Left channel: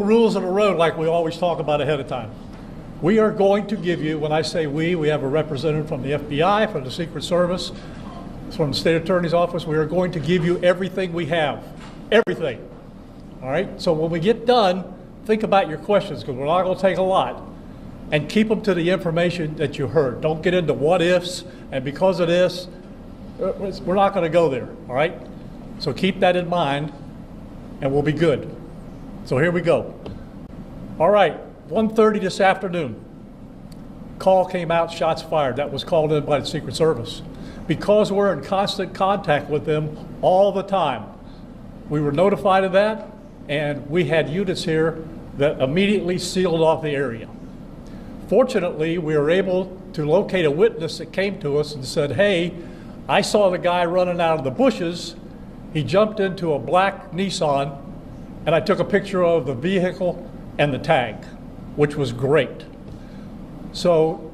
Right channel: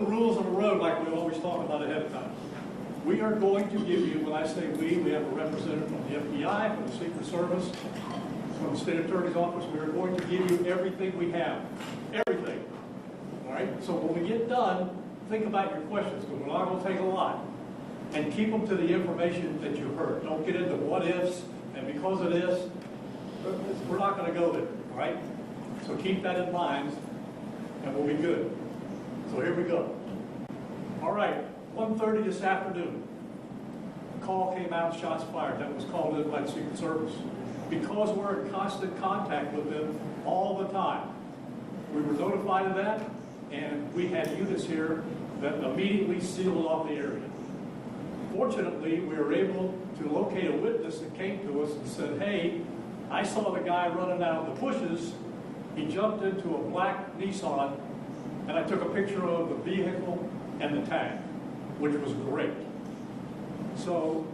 Rules of the road like we always talk about ahead of time. We are going to give you, when I say we have a representative from the FBI, from the Secret Service, from the State Attorney's Office. We are going to give you everything we have, everything. All right, so when we get done, think about your questions, because we're not going to take a lot, and keep them to the information that you heard. Don't get into what ifs, and because of this, we're not going to go there, all right? So keep that in mind, and we'll be good. So here we go. All right, 1:30 this afternoon. Call came out, shots fired. That was called in by the Secret Service. Because we're in constant contact with them all the time, we were notified of that, and we had units here that immediately sealed off the area. Fortunately, we were able to locate a witness that came to us and said, hey, I saw the guy running out of the bushes. He jumped into a black Nissan, and I took a picture of the vehicle and the tag, which was great. So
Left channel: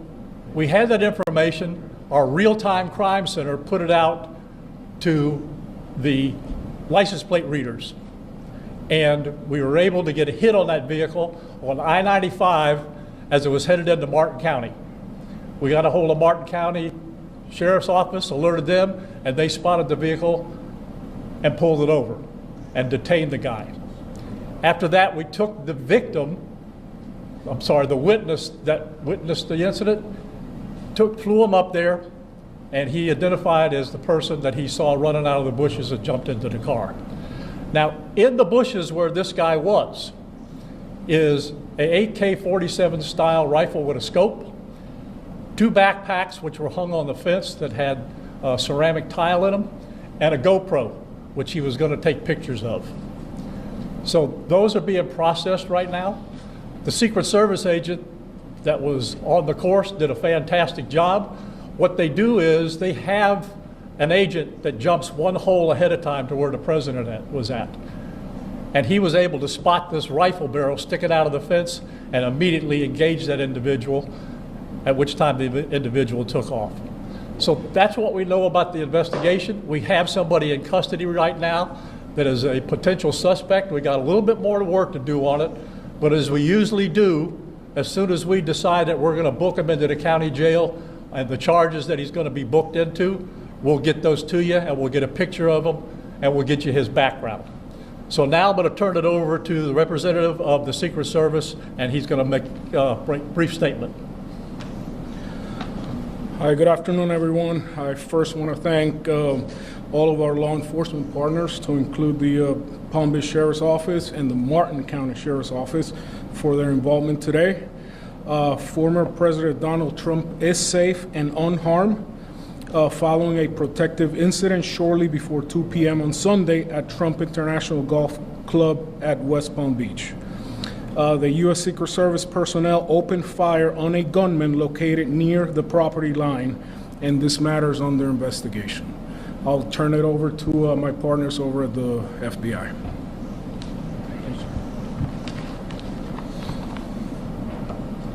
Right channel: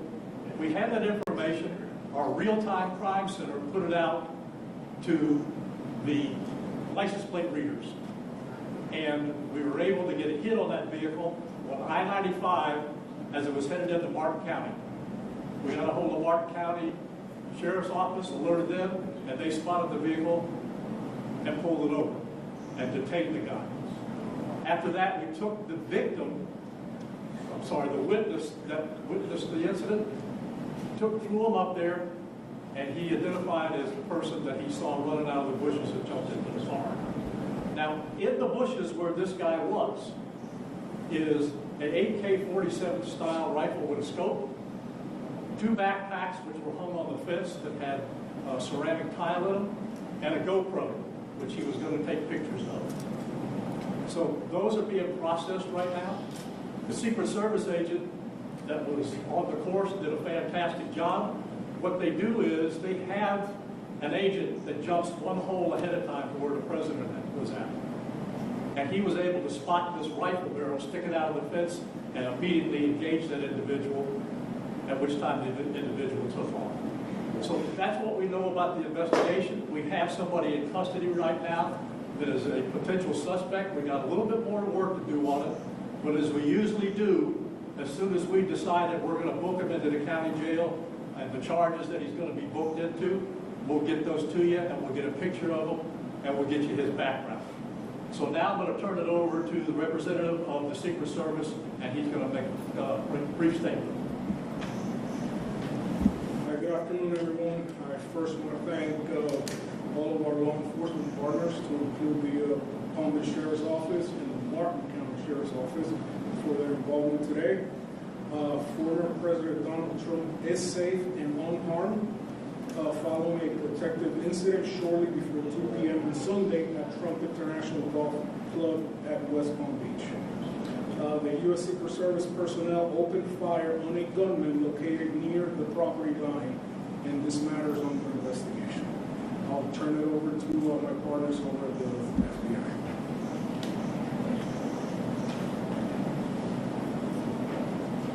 we had that information. Our real-time crime center put it out to the license plate readers. And we were able to get a hit on that vehicle on I-95 as it was headed into Martin County. We got a hold of Martin County Sheriff's Office, alerted them, and they spotted the vehicle and pulled it over and detained the guy. After that, we took the the witness that witnessed the incident, flew him up there, and he identified as the person that he saw running out of the bushes and jumped into the car. Now, in the bushes where this guy was is a AK-47 style rifle with a scope, 2 backpacks which were hung on the fence that had ceramic tile in them, and a GoPro, which he was going to take pictures of. So those are being processed right now. The Secret Service agent that was on the course did a fantastic job. What they do is they have an agent that jumps one hole ahead of time to where the president was at. And he was able to spot this rifle barrel sticking out of the fence and immediately engage that individual, at which time the individual took off. So that's what we know about the investigation. We have somebody in custody right now that is a potential suspect. We got a little bit more work to do on it, but as we usually do, as soon as we decide that we're going to book him into the county jail and the charges that he's going to be booked into, we'll get those to you and we'll get a picture of him and we'll get you his background. So now I'm going to turn it over to the representative of the Secret Service, and he's going to make a brief statement. Hi, good afternoon, everyone. I first want to thank all of our law enforcement partners, to include the Palm Beach Sheriff's Office and the Martin County Sheriff's Office, for their involvement today. Former President Donald Trump is safe and unharmed following a protective incident shortly before 2 p.m. on Sunday at Trump International Golf Club at West Palm Beach. The U.S. Secret Service personnel opened fire on a gunman located near the property line, and this matter is under investigation. I'll turn it over to my partners over at the FBI.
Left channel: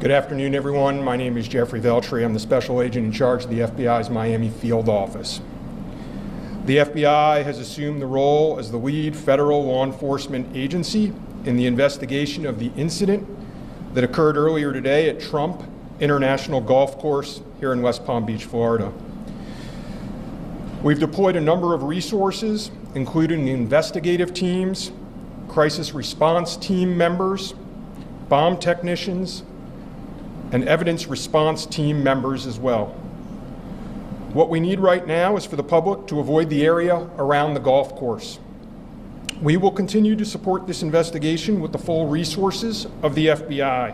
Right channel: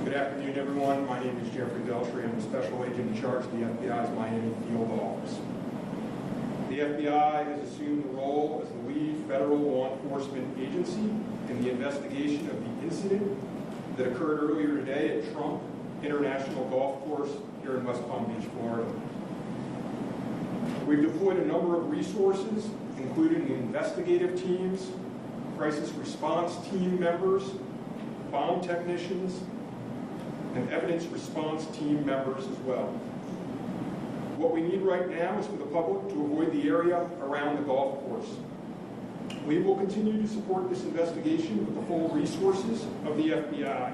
Good afternoon, everyone. My name is Jeffrey Veltri. I'm the special agent in charge of the FBI's Miami field office. The FBI has assumed the role as the lead federal law enforcement agency in the investigation of the incident that occurred earlier today at Trump International Golf Course here in West Palm Beach, Florida. We've deployed a number of resources, including investigative teams, crisis response team members, bomb technicians, and evidence response team members as well. What we need right now is for the public to avoid the area around the golf course. We will continue to support this investigation with the full resources of the FBI,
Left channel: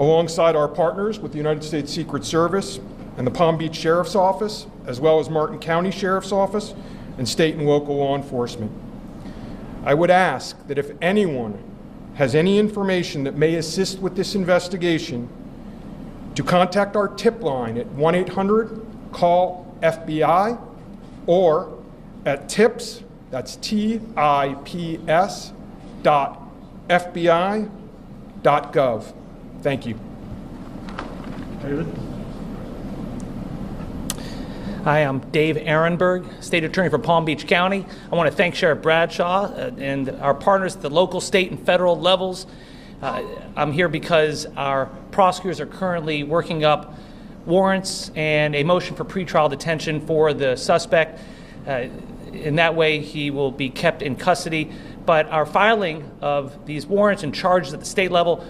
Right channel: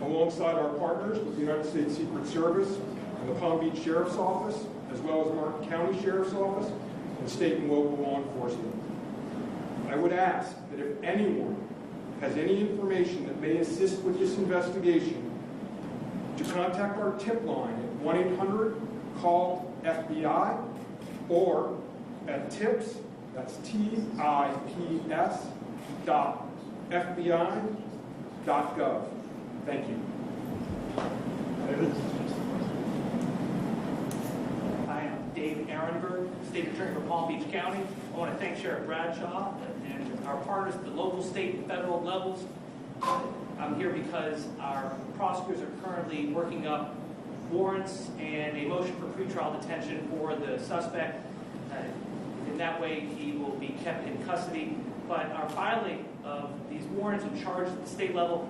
alongside our partners with the United States Secret Service and the Palm Beach Sheriff's Office, as well as Martin County Sheriff's Office and state and local law enforcement. I would ask that if anyone has any information that may assist with this investigation, to contact our tip line at 1-800-CALL-FBI or at tips, that's TIPS, .fbi.gov. Thank you. David? Hi, I'm Dave Ehrenberg, State Attorney for Palm Beach County. I want to thank Sheriff Bradshaw and our partners at the local, state, and federal levels. I'm here because our prosecutors are currently working up warrants and a motion for pretrial detention for the suspect. In that way, he will be kept in custody. But our filing of these warrants and charges at the state level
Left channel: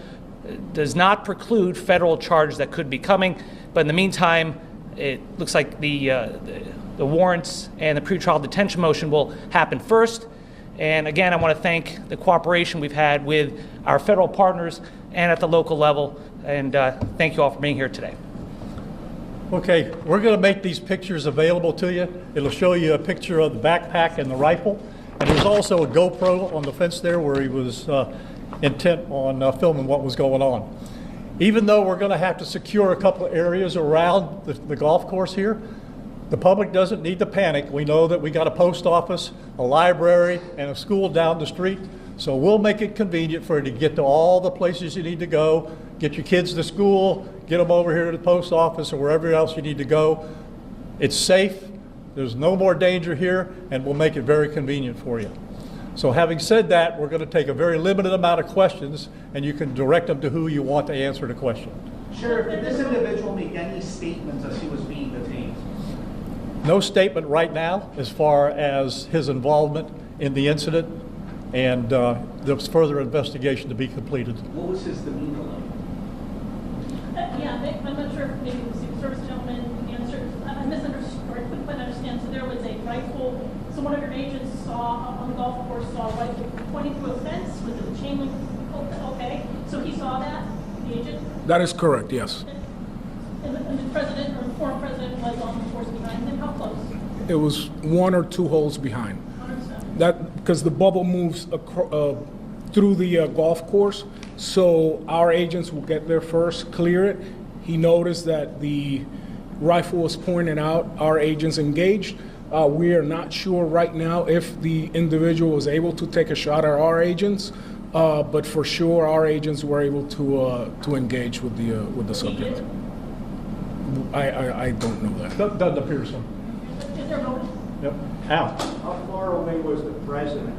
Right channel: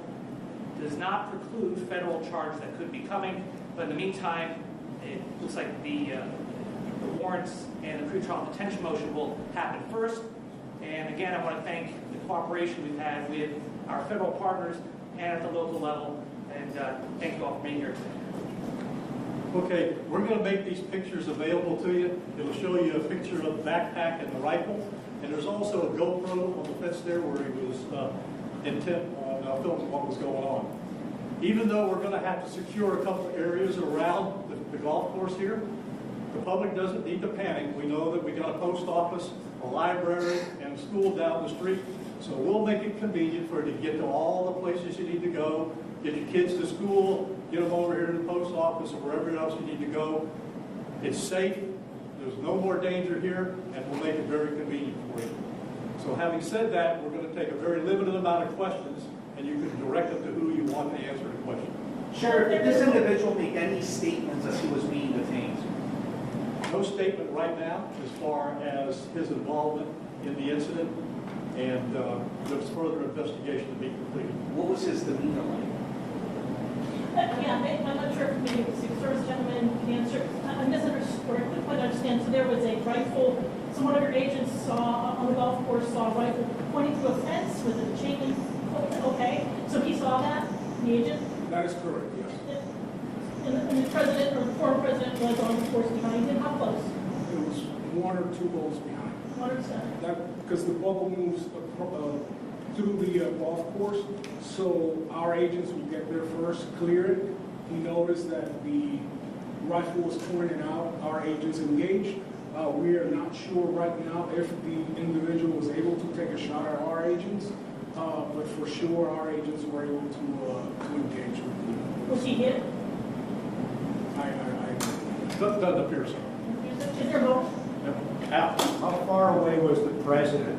does not preclude federal charges that could be coming. But in the meantime, it looks like the warrants and the pretrial detention motion will happen first. And again, I want to thank the cooperation we've had with our federal partners and at the local level. And thank you all for being here today. Okay, we're going to make these pictures available to you. It'll show you a picture of the backpack and the rifle. And there's also a GoPro on the fence there where he was intent on filming what was going on. Even though we're going to have to secure a couple of areas around the golf course here, the public doesn't need to panic. We know that we got a post office, a library, and a school down the street. So we'll make it convenient for you to get to all the places you need to go, get your kids to school, get them over here to the post office or wherever else you need to go. It's safe. There's no more danger here, and we'll make it very convenient for you. So having said that, we're going to take a very limited amount of questions, and you can direct them to who you want to answer the question. Sheriff, did this individual make any statements as he was being detained? No statement right now as far as his involvement in the incident, and there's further investigation to be completed. What was his demeanor like? Yeah, I'm not sure if the Secret Service gentleman can answer. I misunderstood, or couldn't quite understand. So there was a rifle. So one of your agents saw on the golf course saw a rifle pointing to a fence with a chain link. Okay, so he saw that, the agent. That is correct, yes. And the president or the former president was on the course behind him. How close? It was 1 or 2 holes behind. 100%. That because the bubble moves through the golf course, so our agents will get there first, clear it. He noticed that the rifle was pointed out. Our agents engaged. We are not sure right now if the individual was able to take a shot at our agents, but for sure our agents were able to engage with the subject. I don't know that. Doesn't appear so. Is there no? Yep. Al? How far away was the president?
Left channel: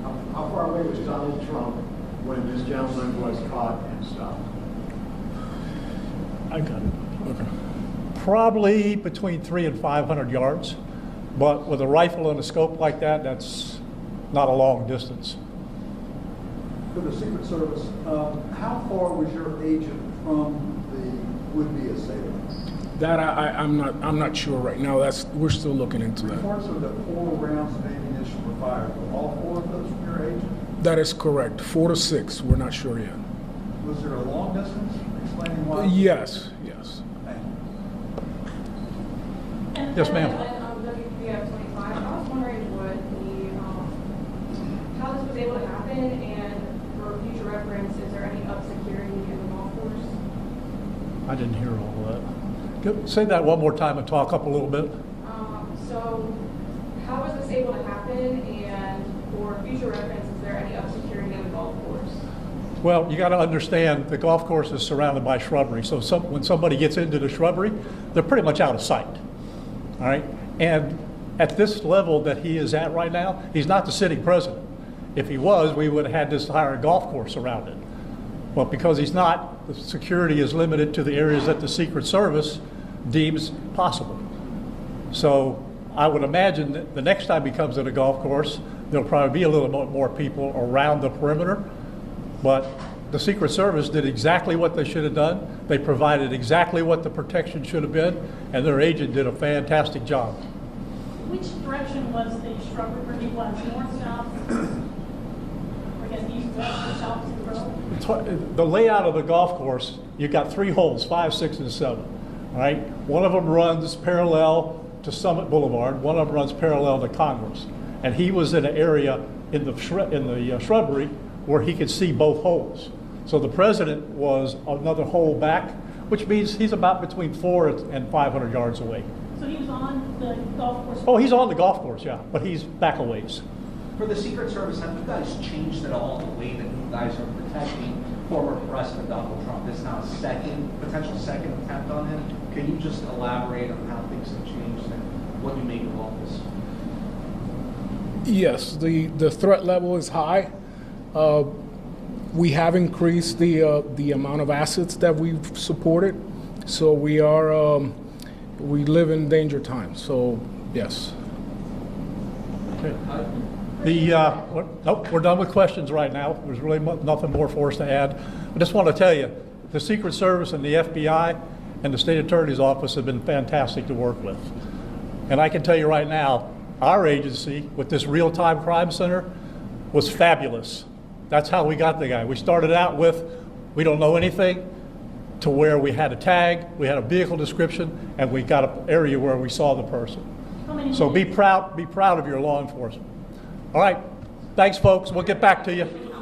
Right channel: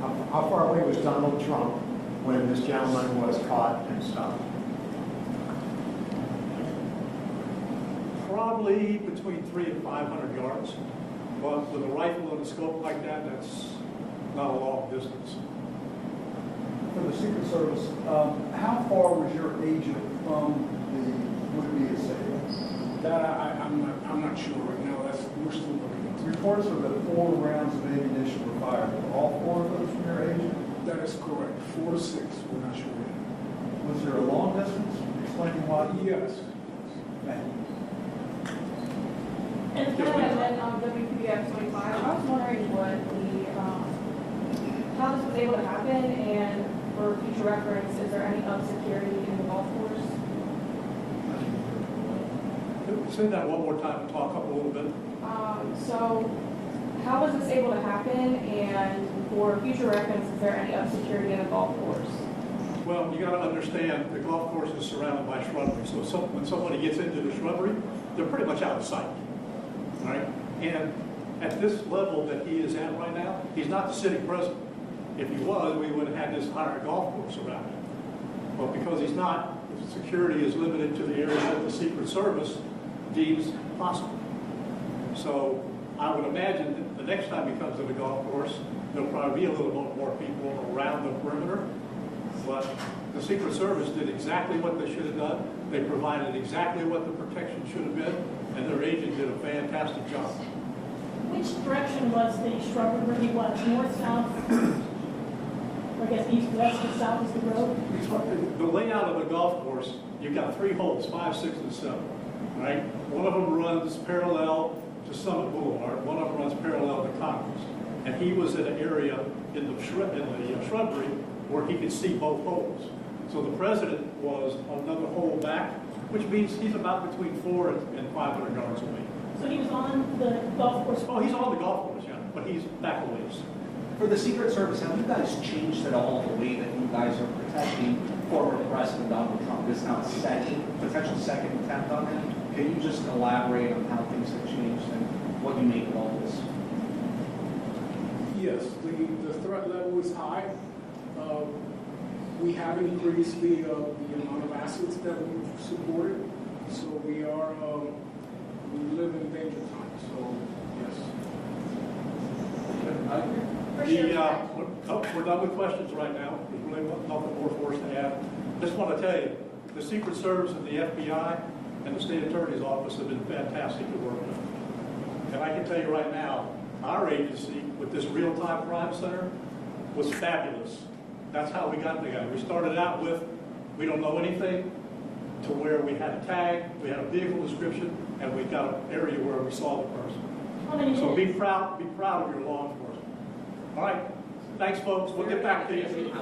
How far away was Donald Trump when this gentleman was caught and stopped? I got it. Probably between 300 and 500 yards, but with a rifle and a scope like that, that's not a long distance. For the Secret Service, how far was your agent from the would-be assailant? That I'm not sure right now. We're still looking into that. Reports are that 4 rounds of ammunition were fired. Were all 4 of those from your agent? That is correct. 4 to 6. We're not sure yet. Was there a long distance? Explaining why? Yes. Yes, ma'am. WPBF 25. I was wondering what how this was able to happen, and for future reference, is there any up security in the golf course? I didn't hear all that. Say that one more time and talk up a little bit. So how was this able to happen, and for future reference, is there any up security in the golf course? Well, you got to understand the golf course is surrounded by shrubbery. So when somebody gets into the shrubbery, they're pretty much out of sight. All right? And at this level that he is at right now, he's not the sitting president. If he was, we would have had this entire golf course around it. But because he's not, the security is limited to the areas that the Secret Service deems possible. So I would imagine that the next time he comes to the golf course, there'll probably be a little bit more people around the perimeter. But the Secret Service did exactly what they should have done. They provided exactly what the protection should have been, and their agent did a fantastic job. Which direction was the shrubbery where he was? North, south? Or I guess east, west, or south is the road? The layout of the golf course, you've got 3 holes, 5, 6, and 7. Right? One of them runs parallel to Summit Boulevard. One of them runs parallel to Congress. And he was in an area in the shrubbery where he could see both holes. So the president was another hole back, which means he's about between 400 and 500 yards away. So he was on the golf course? Oh, he's on the golf course, yeah, but he's back a ways. For the Secret Service, have you guys changed at all the way that you guys are protecting former President Donald Trump? This is now potential second attempt on him? Can you just elaborate on how things have changed and what you make of all this? Yes, the threat level is high. We have increased the amount of assets that we've supported, so we live in danger times. So yes. We're done with questions right now. There's really nothing more for us to add. I just want to tell you, the Secret Service and the FBI and the State Attorney's Office have been fantastic to work with. And I can tell you right now, our agency with this real-time crime center was fabulous. That's how we got the guy. We started out with, we don't know anything, to where we had a tag, we had a vehicle description, and we got an area where we saw the person. So be proud of your law enforcement. All right, thanks folks, we'll get back to you.